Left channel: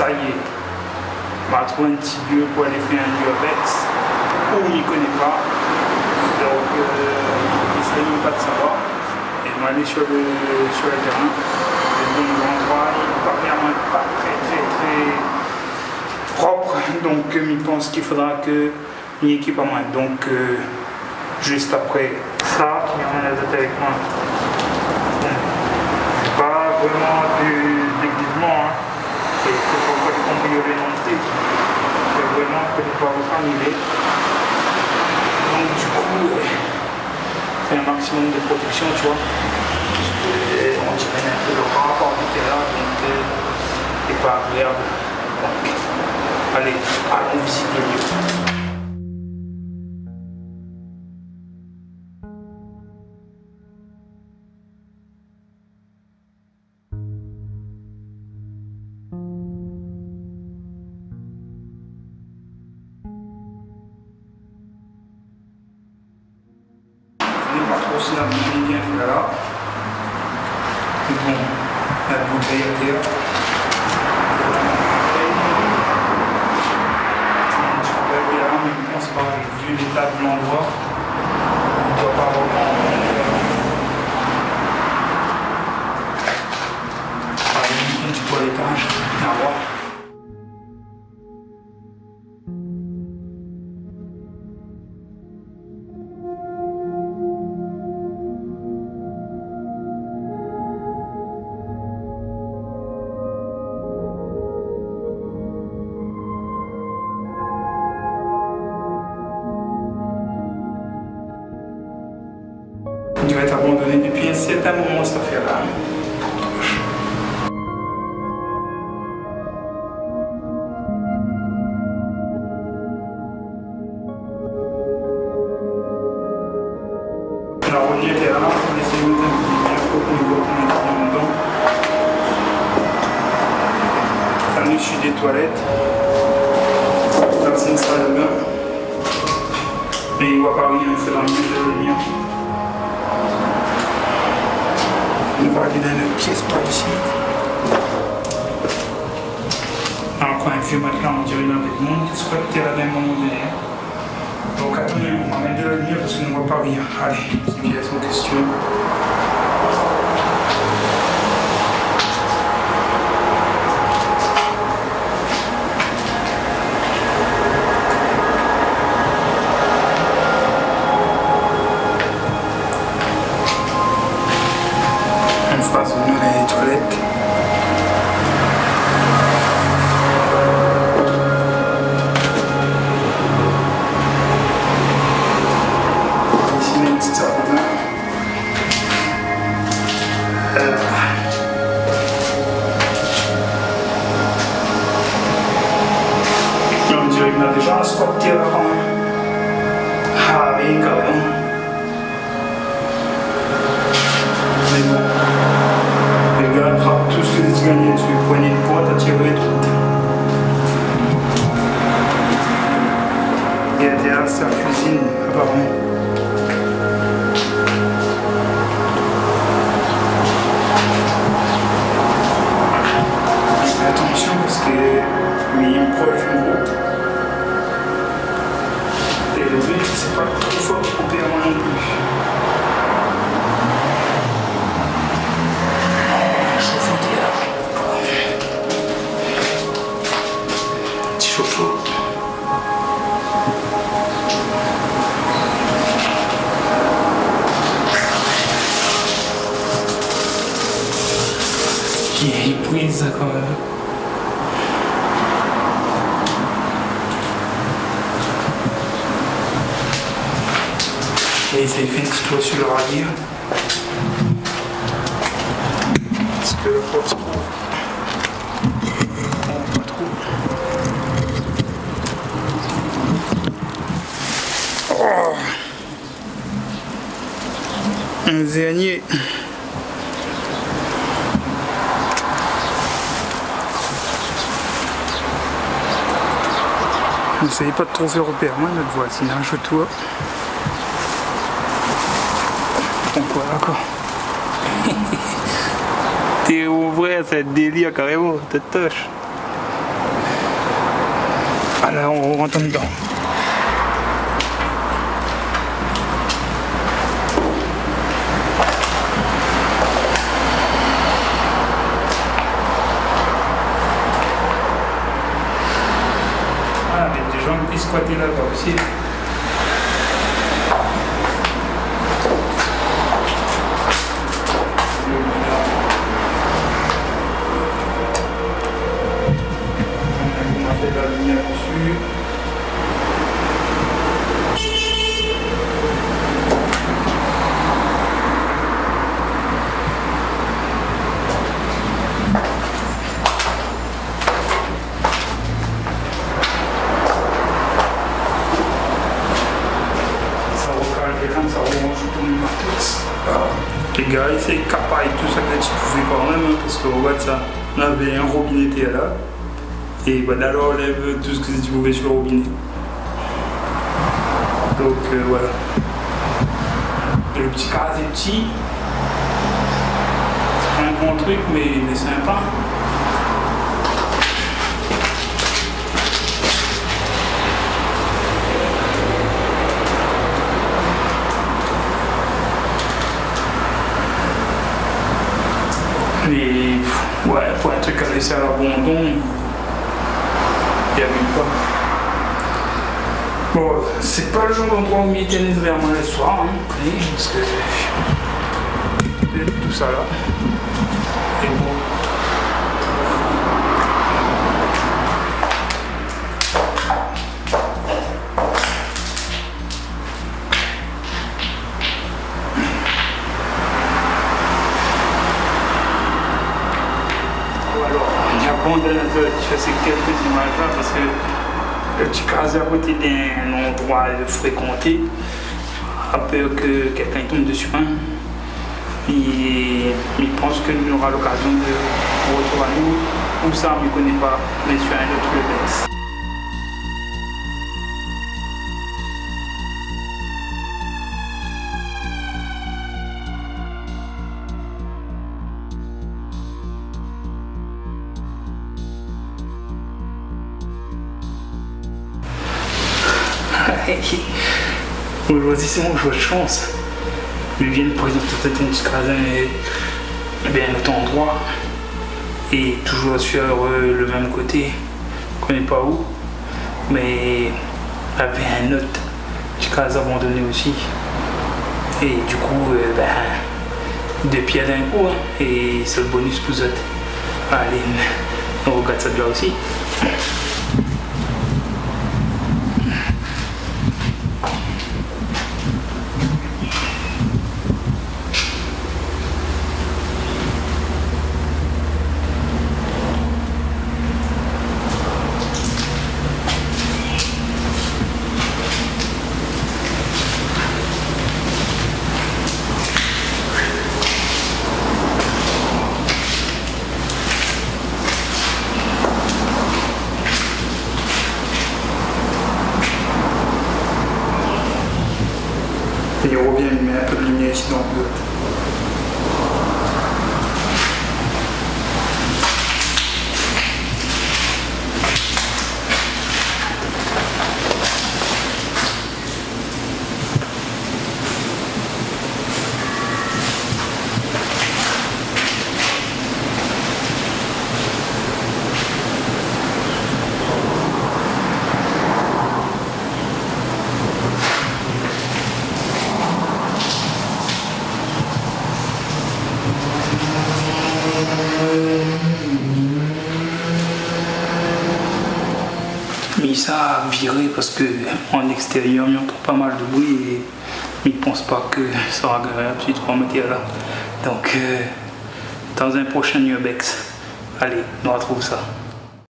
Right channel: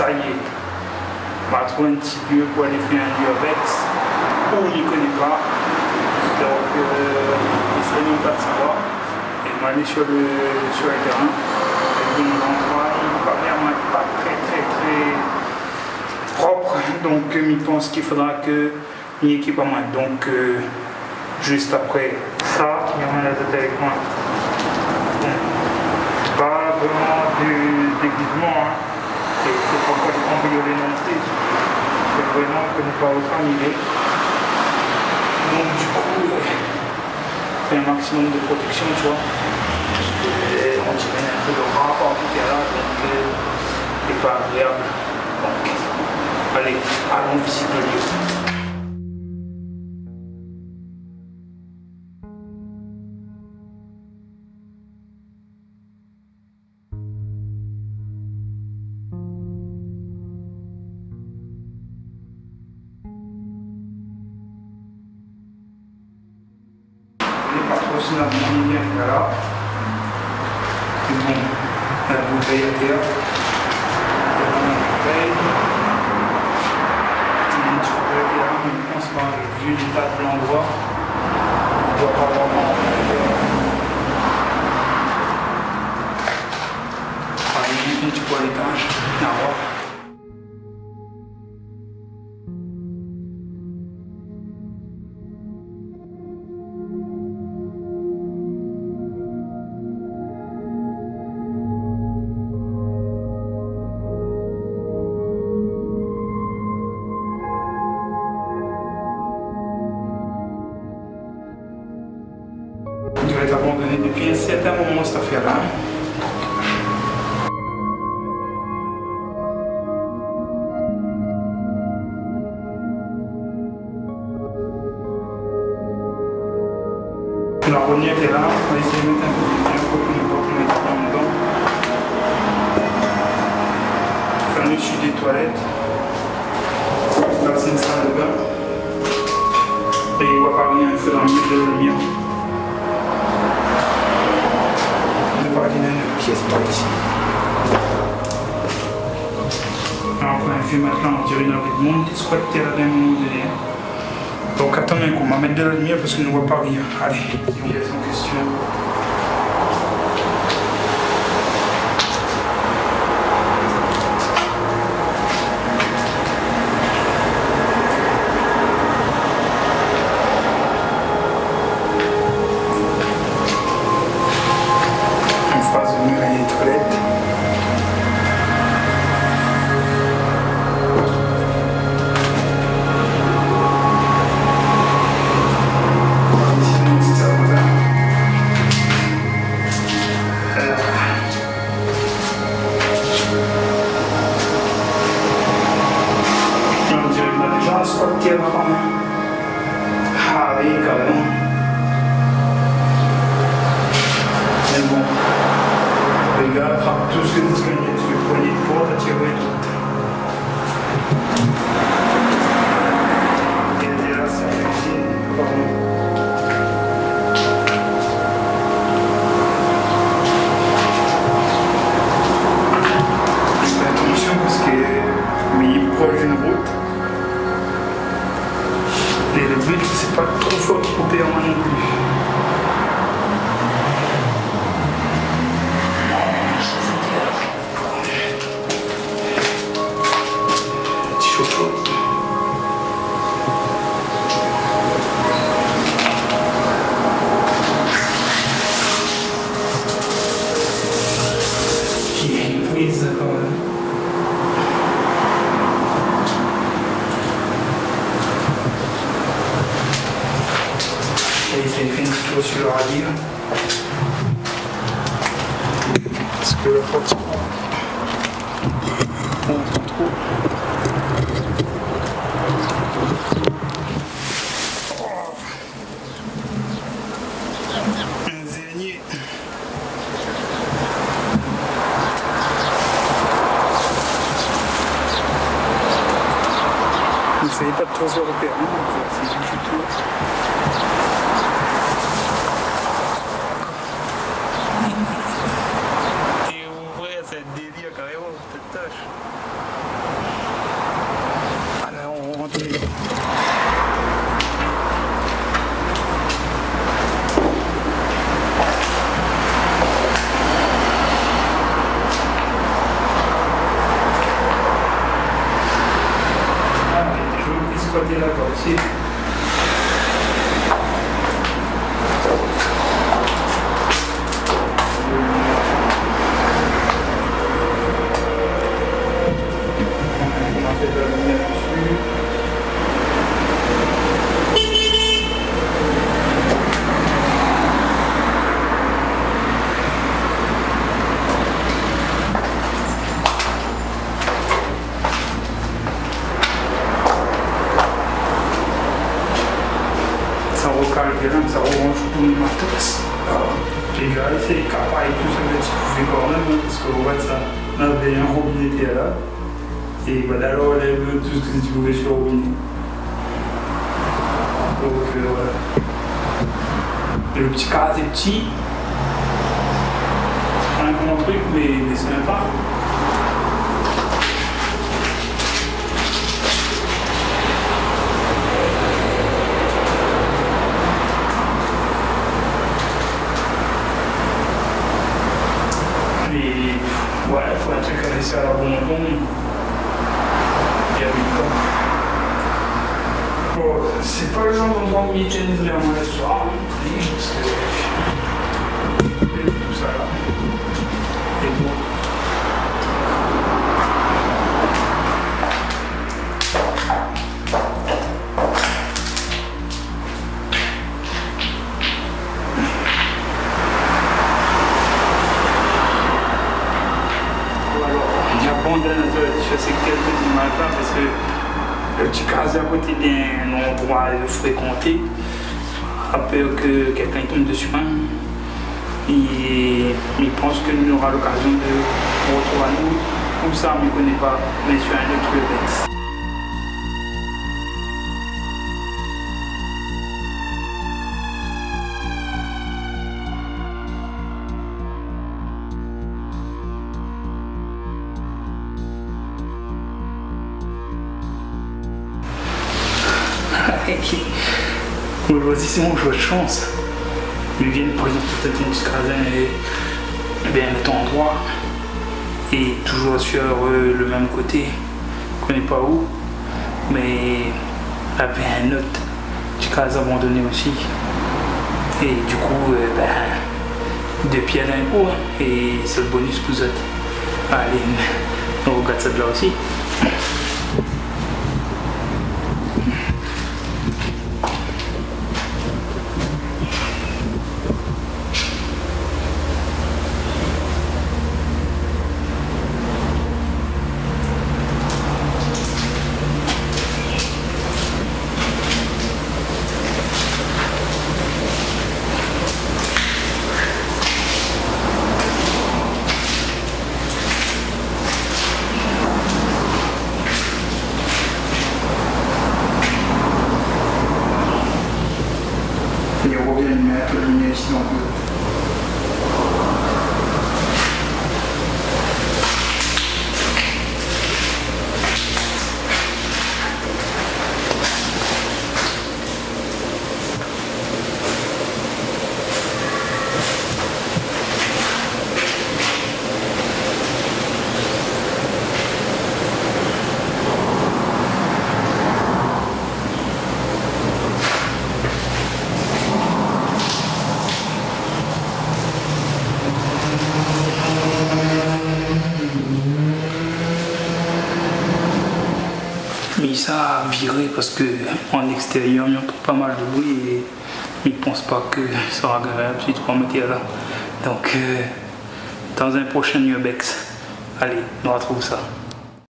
ça y est, on va trouver un petit lieu pour aller faire un urbex où on n'y connaît pas. Donc, il ne serait même pas de savoir. Et on va aller sur le terrain. L'endroit, il ne paraît pas très propre. Donc, il pense qu'il faudra que une équipe à moi. Donc, juste après ça, il y en a la tête avec moi. C'est pas vraiment du déguisement. Hein. C'est pas encore du cambriolé non plus. C'est vraiment que nous pouvons s'ennuyer. Donc du coup, c'est un maximum de protection, tu vois. Parce qu'on dirait un peu de rapport qui est là, donc c'est pas agréable. Donc, allez, allons visiter le lieu. Pas trop si la bouteille est là. C'est bon, la bouteille est là. Je pense pas, vu l'état de l'endroit, on ne doit pas vraiment. Une petite toilettage, à voir. Il doit être abandonné depuis un certain moment cette affaire-là. La rognette est là, on va essayer de mettre un peu de lumière pour qu'on voit qu'on est bien dedans. Enfin, je suis des toilettes. Là, c'est une salle de bain. Et il ne voit pas rien, il faut dans le milieu de la lumière. On voit qu'il y a une pièce par ici. Alors, quand un vieux matelas, on dirait qu'il y avait de monde qui se était là d'un moment donné. Donc, attendez, on va mettre de la lumière parce qu'on ne voit pas rien. Allez, civilisation question. On a déjà asfalté là. Ah oui, quand même. Mais bon, le gars attrape tout ce que tu gagnais dessus, poignée de poids, t'as tiré tout. Et derrière, c'est la cuisine, apparemment. Attention parce que il est proche d'une route. Et le but, c'est pas trop fort couper en moi non plus. Petit chauffe-eau. Qui est prise quand même. Et ça fait une petite tour sur le radier. Parce que la porte se prend. Un zéanier. N'essayez pas de trop européen, le voisinage autour. Encore. T'es ouvré, c'est un délire carrément, t'es toche. rentre dedans. Ah, il y a des gens qui squattaient là-bas aussi. On a fait la lumière dessus. Ça recale bien, ça remonte tout le matos. Les gars, c'est capable et tout ça que tu pouvais quand même, parce que regarde ça, on avait un robinet qui était là. Et voilà, alors on lève tout ce que tu pouvais sur le robinet. Donc voilà. Et le petit cadre est petit. C'est pas un grand truc, mais sympa. Mais ouais, pour un truc à laisser à l'abandon. Bon, c'est pas le genre d'endroit où il tennis vraiment le soir, hein, parce que tout ça là. Et bon. Alors, j'abandonne ces quelques images là parce que le petit casé à côté d'un endroit fréquenté, a peur que quelqu'un tombe dessus. Et il pense que nous aura l'occasion de retrouver à nous, ou ça, on ne connaît pas, mais sur un autre Webex. Aujourd'hui, c'est mon jour de chance. Ils viennent présenter peut-être un petit casin et bien notre endroit. Et toujours sur le même côté. Je ne connais pas où. Mais il y avait un autre petit casin abandonné aussi. Et du coup, deux pieds d'un coup. Et c'est le bonus pour eux. Allez, on regarde ça de là aussi. Et on revient mettre un peu de lumière ici dans le bleu. Mais ça a viré parce que en extérieur, il entend pas mal de bruit et il ne pense pas que ça sera agréable si tu prends mettre là. Donc, dans un prochain Webex, allez, on retrouve ça.